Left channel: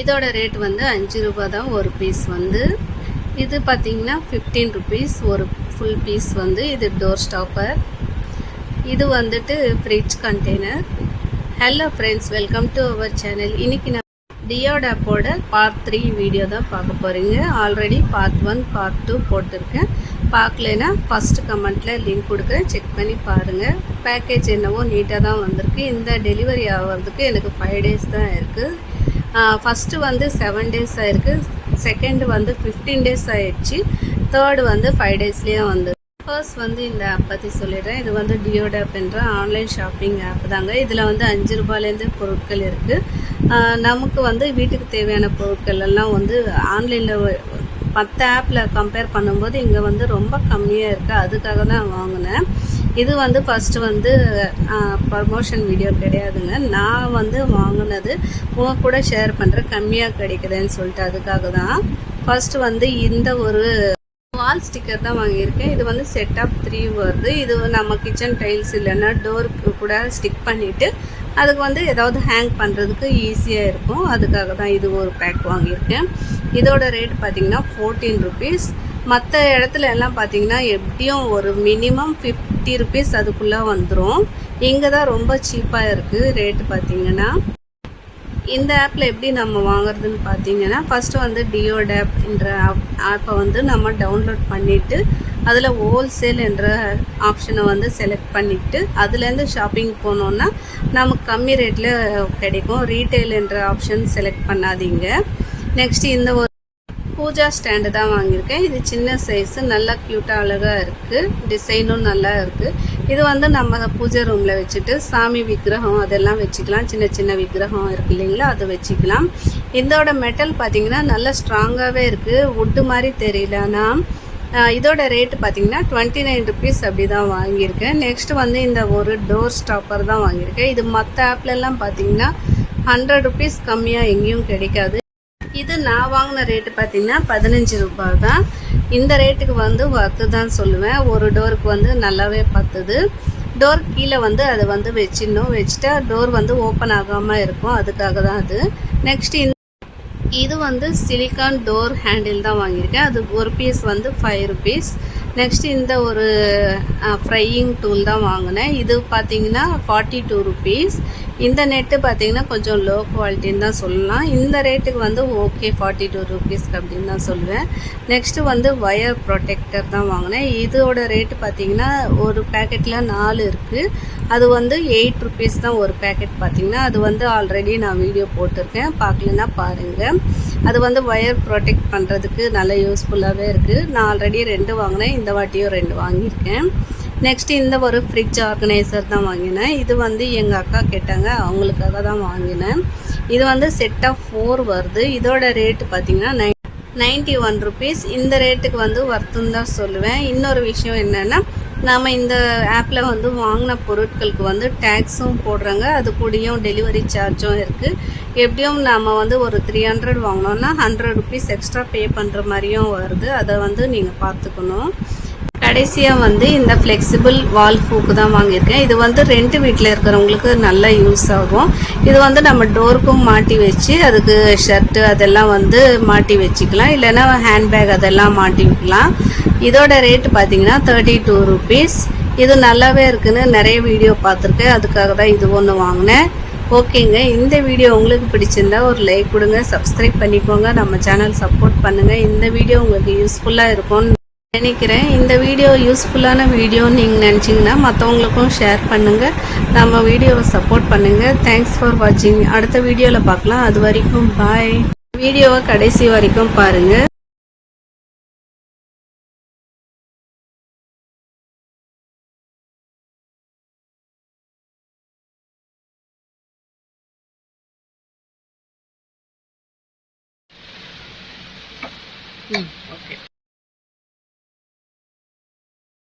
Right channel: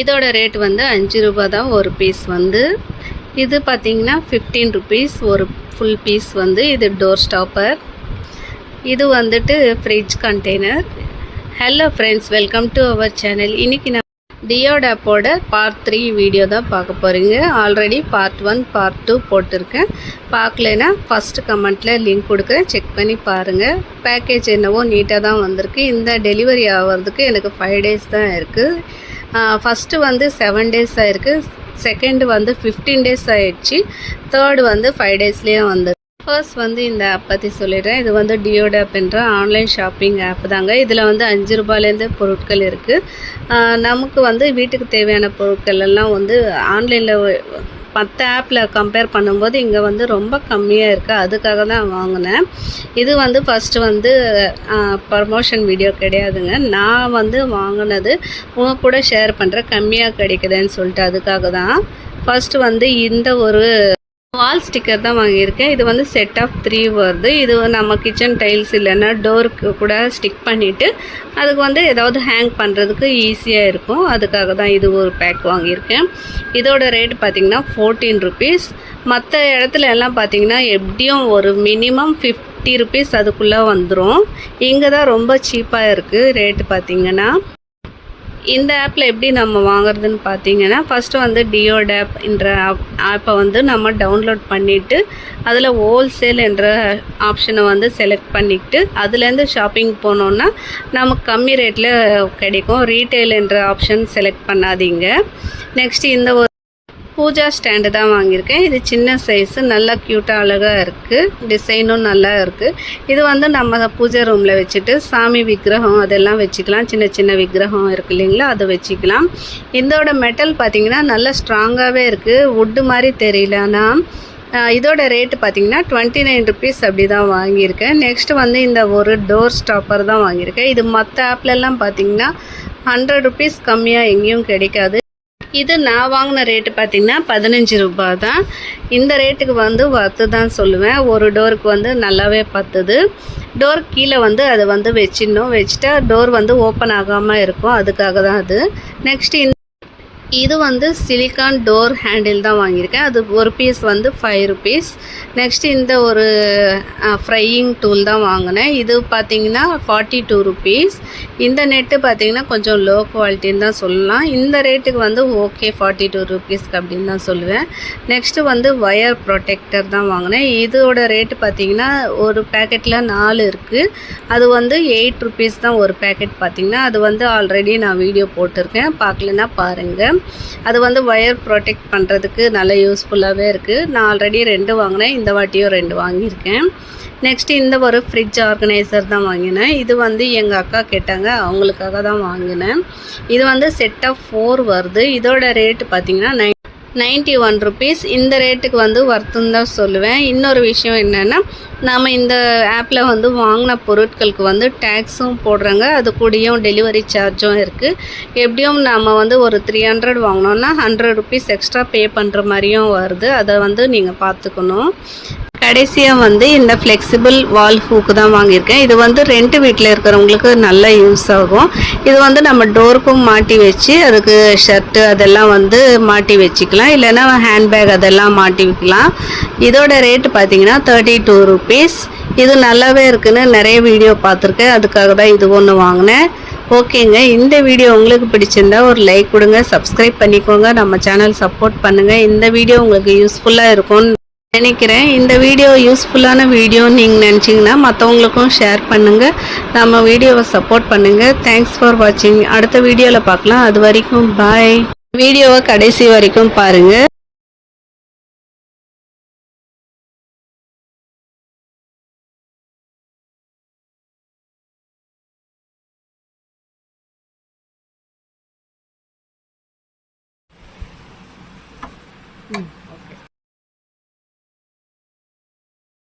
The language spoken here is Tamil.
இதோட ரேட் வந்து 5 ரூபா தான் ஒரு பீஸ் வந்து. இது பார்த்திங்கன்னா 15 ருபீஸ் ஒரு ஃபுல் பீஸ் வந்து. இது டோர் ஸ்டாப்பர். இது வந்துட்டு fridge container. Hello friends, welcome to our channel. இன்றைக்கி நான் டியோடாப்போட பார்ட் 3 வீடியோ தான் பார்க்க போகிறீங்க. ஆல்ரெடி பார்ட் 1 பார்ட் 2 போட்டிருக்கேன். பார்க்கலைன்னா ஃபஸ்ட்டு கமெண்ட்டில் லிங்க் கொடுக்குறேன், செக் பண்ணி பாருங்கள். பேக்கேஜ் என்னவோ நீட்டாக தான் வந்திருக்கு. இந்த டெலிவரி ஆகிறதுக்கு எனக்கு 5 டேஸ் தான் இருக்குது. ஃபஸ்ட்டு வந்து 7 டேஸ் ஆகிருக்கு, செகண்டு வந்து 15 டேஸ் ஆகிடுச்சு, தேர்டு வந்து 5 டேஸ்லேயே வந்து. ஃபர்ஸ்ட் வந்து இந்த ஆப் பற்றி சொல்லிடுறேன். இது வந்து டியோடாப் என்ற ஆன்லைன் ஷாப்பிங் ஆப் தாங்க. இதில் வந்து 5 ரூபாயிலேருந்து பொருட்கள் இருக்குது. நமக்கு வந்து வீட்டுக்கு தேவையான பொருட்கள் எல்லாம் வந்து ஆன்லைனில் மற்ற ஆப்பில் கம்பேர் பண்ணும்போது இங்கே வந்து ரொம்ப கம்மியாக இருக்குது. அதுக்காக தான் வாங்கினேன். இது வந்து ஃபஸ்ட்டு வந்து ப்ரமோஷன் வீடியோ கிடையாதுங்க. நான் வந்து வாங்கினது உங்கள் கூட ஷேர் பண்ணுறேன், கம்மியாக கிடைக்குதுன்னு சொல்லிட்டு. அதுக்காக தான் ஃபஸ்ட்டு வந்து இந்த ஒரு வால் ஸ்டிக்கர் தான் வாங்கியிருக்கேன். இது வந்து செட் ஆஃப் 3 வருது. இது நம்ம கிச்சன் டைல்ஸ் இல்லைன்னா டோருக்கு கூட ஸ்டிக் பண்ணிவிட்டு அதுக்கு வந்து ஏதாவது ஹேங் பண்ணுறதுக்கு ஈஸியாக இருக்கும். அதுக்காக தான் இது ஒரு பேக் வாங்கியிருக்கேன். இதோட ரேட் பார்த்திங்கன்னா 14 ருபீஸ். மற்ற இடத்துல எல்லாம் பார்த்திங்கன்னா எப்படியும் ஒரு மினிமம் 50 ருபீஸ் அதுக்குள்ளே வந்துடும். இங்கே தான் ரொம்ப சீப்பாக இருக்குது ரேட்டு பார்த்திங்கன்னா. இந்த ஆப்பில் எப்படி நம்ம வாங்குறதுன்னு பார்த்தீங்கன்னா, ஃபஸ்ட்டு வந்து டியோடாப் என்ற ஆப்பை வந்து நம்ம டவுன்லோட் பண்ணிவிட்டு அதில் ஹோல்சேல் என்ற ஆப்ஷனை வந்து செலக்ட் பண்ணிக்கிட்டு அதுலேருந்து ஷாப்பிங் போனோன்னா நமக்கு கம்மி ரேட்டில் கிடைக்கும். ரீட்டெயில் என்ற ஆப்ஷன் செலக்ட் பண்ணாதீங்க. நெக்ஸ்ட்டு இந்த ஒரு பூஜா ஸ்டாண்டு தான் வாங்கியிருக்கேன். இது சின்ன சைஸு, நல்லா க்யூட்டாக அழகாக இருக்குது, டிசைனும் நல்லா இருக்குது. இது வந்து நம்ம பூஜை ரூமில் வச்சுட்டு சாமி விக்கிரகம் அதெல்லாம் வச்சுக்கலாம். சின்ன சின்ன விக்கிரகம் இருக்குது இல்லைங்களா, அதை வச்சுக்கலாம். இதோட மெட்டல் பார்த்திங்கன்னா நல்லா ஸ்ட்ராங்காகவே இருக்குது, வுட்டு மாதிரி தெரியல. ஆனால் இதோட ரேட்டு பார்த்திங்கன்னா 29 ருபீஸ் அப்படி தான் வாங்கியிருக்கேன். நெக்ஸ்ட்டு வந்து இந்த ஒரு டோர் ஸ்டாப்பர் தான் வாங்கியிருக்கேன். இது மற்ற ஆப்லெல்லாம் பார்த்திங்கன்னா 100 ருபீஸ் கம்மியாக எங்கேயும் கிடைக்காது. இது நான் வாங்கின ரேட்டு பார்த்திங்கன்னா 15 ரூபா தான். இந்த ரேட்டுக்கு வந்து வர்த்து தான் சொல்லுவேன். ஒரு டோருக்கு வந்து நல்லாவே பத்துது. டோர் கீழே வந்து அதை வந்து வச்சிடணும், வச்சுட்டா டோர் வந்து ஓப்பன் ஆகாமல் இருக்கும். அதுக்காக தான் அது. நெக்ஸ்ட்டு இது வந்து சிலிக்கான் டோர் ஹேண்டில் தான் வாங்கியிருக்கேன். அது ஒரு பீஸ் வந்து 5 ருபீஸ். நெக்ஸ்ட்டு இந்த ஒரு ஃப்ரையிங் டூல் தான் வாங்கினேன். இது பார்த்திங்கன்னா 42 ருபீஸ். இந்த நெட்டு பார்த்திங்கன்னா கொஞ்சம் லோ குவாலிட்டின்னு தான் சொல்லலாம். இந்த ரேட்டுக்கு வந்து ஓகே 42 ருபீஸ்க்கு அப்படின்னு தான் சொல்லுவேன். நெக்ஸ்ட்டு வந்து ஒயர் ப்ரொடெக்டர் தான் வாங்கினேன். இதோட ரேட்டு பார்த்திங்கன்னா ஒரு பேக்கெட்டில் 4 இருக்குது. அது வந்து 8 ருபீஸ் தான் ஒரு பேக்கெட் பார்த்திங்கன்னா. அது வந்து ஆல்ரெடி நான் வீடியோ போட்டிருக்கேன், பார்க்கலன்னா பாருங்கள். அது வந்து ஒயர் ப்ரொடெக்ட் பண்ணுறதுக்கு நல்ல யூஸ்ஃபுல்லாகவே இருக்குது. நான் ஆல்ரெடி 2 வாங்கினேன், இந்த வாட்டியும் 2 வாங்கியிருக்கேன். நெக்ஸ்ட்டு இந்த ஒரு ஃப்ரிட்ஜ் ஆர்கனைசர் தான் வாங்கினேன். இது வந்து எங்கள் அக்கா கேட்டாங்க, அவங்களுக்காக தான் வாங்கினேன். இது வந்து செட் ஆஃப் 4 வருது. இதோட ரேட்டு பார்த்திங்கன்னா 91 ருபீஸ். இந்த ரேட்டுக்கு வந்து வர்த்துன்னு தான் சொல்லுவேன். இன்னொரு விஷயம் என்னென்னா, நம்ம இந்த ஆப்பில் வந்து வாங்கின பொருட்களுக்கு வந்து டேக்ஸும் போடுறாங்க, அது கூடயும் டெலிவரி சார்ஜும் இருக்குது. எப்படியும் நம்ம வந்து ஒரு 300 வாங்கினோன்னா 100 ருபீஸ் எக்ஸ்ட்ரா பே பண்ணுற மாதிரியும் வருது. அதை வந்து நீங்கள் பார்த்துக்கணும். கடைசியாக வந்து இந்த ஃப்ளெக்சிபிள் வால் ஹூக்கு தான் வாங்கியிருக்கேன். இது வந்து ரெண்ட் வீட்டில் இருக்கிறவங்களுக்கு நல்லா யூஸ் ஆகும். இது வந்து நம்ம டோருக்கும் மாட்டி வச்சு அதுக்கு ஷர்ட்டு அதெல்லாம் வந்து மாட்டி வச்சுக்கலாம், இல்லைன்னா ஹேண்ட்பேக் அதெல்லாம் மாட்டி வைக்கலாம். இதோட ரேட்டு பார்த்திங்கன்னா 32 ருபீஸ். இது நல்லாவே இருக்குன்னு நிறைய வீடியோ பார்த்துருக்கேன், அதுக்காக தான் இது ஒன்று வாங்கினேன். ஓகேங்க, இந்த வீடியோ உங்களுக்கு பிடிச்சிருந்தா ஒரு லைக் கொடுங்க, சப்ஸ்கிரைப் பண்ணிக்கோங்க, நம்ம சேனல் சப்போர்ட் பண்ணுங்கள். இந்த வீடியோ உங்களுக்கு யூஸ்ஃபுல்லாக இருக்கும்னு நினைக்கிறேன். இந்த வீடியோ யூஸ்ஃபுல்லான வீடியோன்னு நீங்கள் நினச்சிங்கன்னா மற்றவங்களுக்கும் ஷேர் பண்ணுங்கள், நம்ம வீடியோவை சப்போர்ட் பண்ணுங்கள். தேங்க்ஸ் ஃபார் வாட்சிங். அடுத்த வீடியோவில் பார்க்கலாம். அது வரைக்கும் பாய். வீடியோவை கடைசி வரைக்கும் பாருங்கள். ம்